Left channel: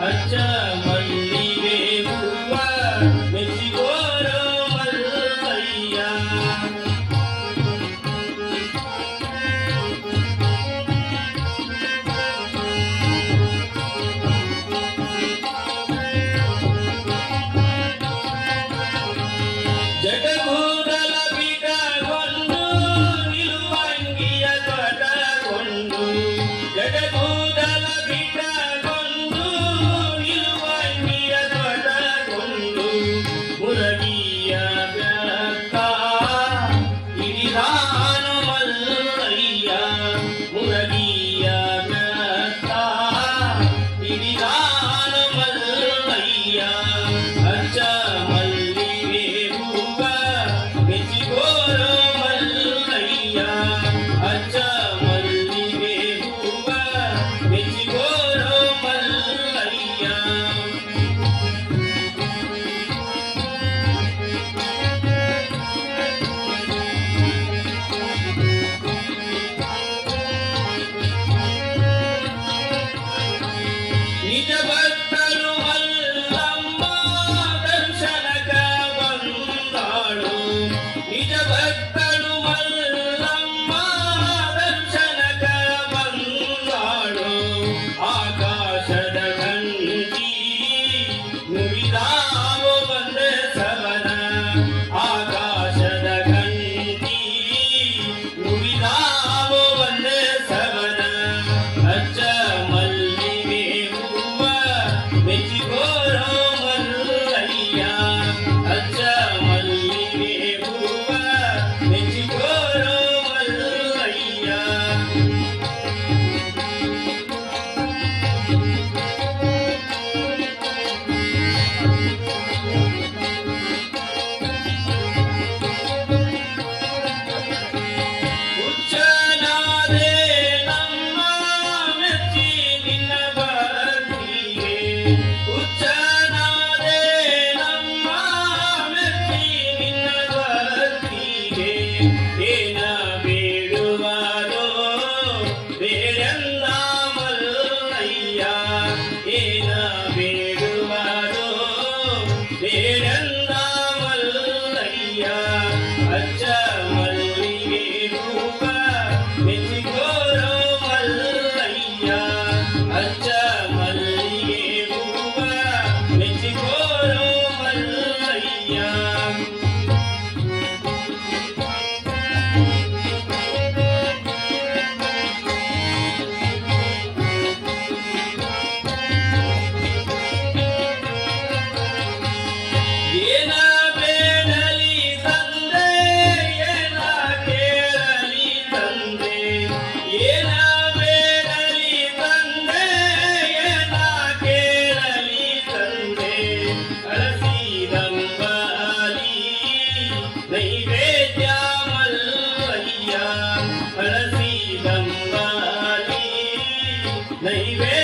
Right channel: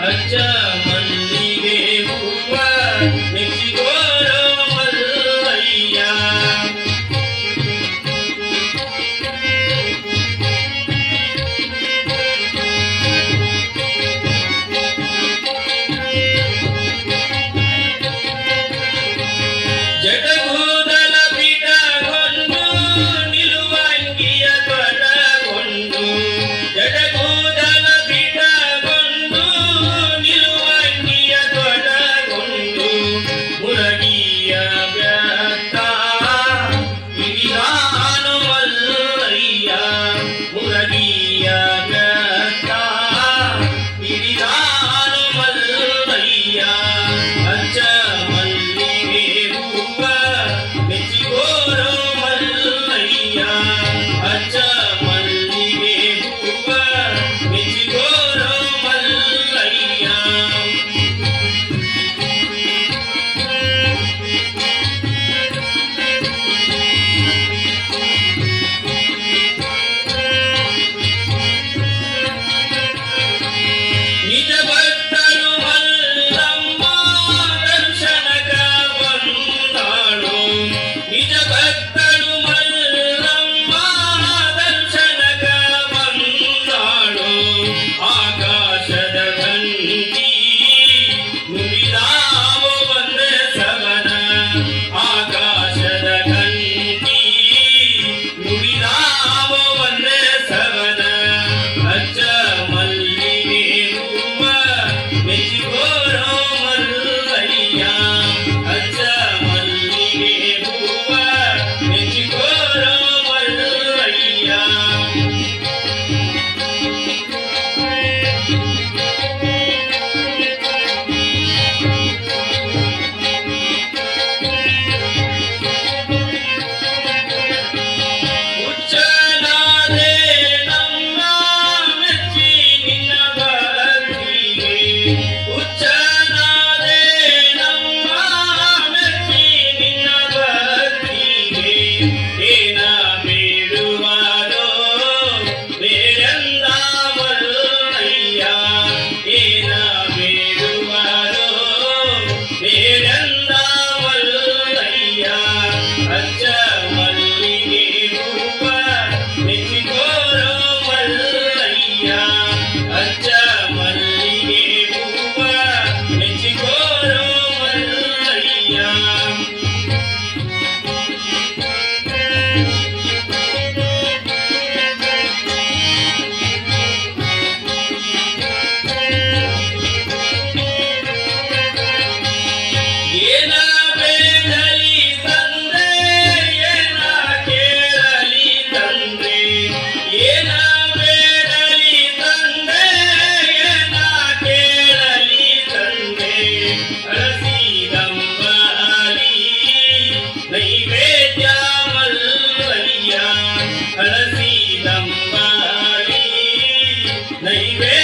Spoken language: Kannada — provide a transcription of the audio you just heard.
ಅಚ್ಚ ಮಲ್ಲಿಗೆ ಹೂವ ಮೆಚ್ಚಿಗೋರೋ ಮಲ್ಲಯ್ಯ. ಜಟಗೂದಲ ಬಿಟಗೊಂಡು ನಿಲುವಂಗಿಯ ತೊಡಗೊಂಡು, ಜಟಗೂದಲ ಬಿಟಗೊಂಡು ನಿಲುವಂಗಿಯ ತೊಡಗೊಂಡು, ಮುರಗಿಯ ವ್ಯರ್ಥ ಹಿಡಿದಾನು ಮಲ್ಲಯ್ಯ. ಮುರಗಿಯ ವ್ಯರ್ಥ ಹಿಡಿದಾನು ಮಲ್ಲಯ್ಯ. ಅಚ್ಚ ಮಲ್ಲಿಗೆ ಹೂವ ಮೆಚ್ಚಿಗೋರೋ ಮಲ್ಲಯ್ಯ. ಅಚ್ಚ ಮಲ್ಲಿಗೆ ಹೂವ ಮೆಚ್ಚಿಗೋರೋ ಮಲ್ಲಯ್ಯ. ನಿಜ ಭಕ್ತರು ಮಲ್ಲಮ್ಮ ದರ್ಶನಕ ಬಂದಾಳು. ನಿಜ ಭಕ್ತರು ಮಲ್ಲಮ್ಮ ದರ್ಶನಕ ಬಂದಾಳು. ಆಕಾಶದ ಗಂಟಿ ನುಡಿದಾವು ಒಂದೇ ಸವನ. ಆಕಾಶದ ಗಂಟಿ ನುಡಿದಾವು ಒಂದೇ ಸವನ. ಅಚ್ಚ ಮಲ್ಲಿಗೆ ಹೂವ ಮೆಚ್ಚಿಗೋರೋ ಮಲ್ಲಯ್ಯ. ಅಚ್ಚ ಮಲ್ಲಿಗೆ ಹೂವ ಮೆಚ್ಚಿಗೋರೋ ಮಲ್ಲಯ್ಯ. ಹುಚ್ಚನಾದೆ ನಮ್ಮ ಮೆಚ್ಚಿ ನಿನ್ನ ಭಕ್ತಿಗೆ. ಹುಚ್ಚನಾದೆ ನಮ್ಮ ಮೆಚ್ಚಿ ನಿನ್ನ ಭಕ್ತಿಗೆ. ಏನ ಬೇಡುವಾರೋ ಬೇಡಂದ ಮಲ್ಲಯ್ಯ. ಏನ ಬೇಡುವಾರೋ ಬೇಡಂದ ಮಲ್ಲಯ್ಯ. ಅಚ್ಚ ಮಲ್ಲಿಗೆ ಹೂವ ಮೆಚ್ಚಿಗೋರೋ ಮಲ್ಲಯ್ಯ. ಅಚ್ಚ ಮಲ್ಲಿಗೆ ಹೂವ ಮೆಚ್ಚಿಗೋರೋ ಮಲ್ಲಯ್ಯ. ಏನ ಬೇಡಲಿ ತಂದೆ, ಏನ ಕೇಳಲಿ ತಂದೆ. ಏನ ಬೇಡಲಿ ತಂದೆ, ಏನ ಕೇಳಲಿ ತಂದೆ. ಹಳಸಿದಂಬಲಿ ನೈವೇದ್ಯ ಮಲ್ಲಯ್ಯ. ಹಳಸಿದಂಬಲಿ ನೈವೇದ್ಯ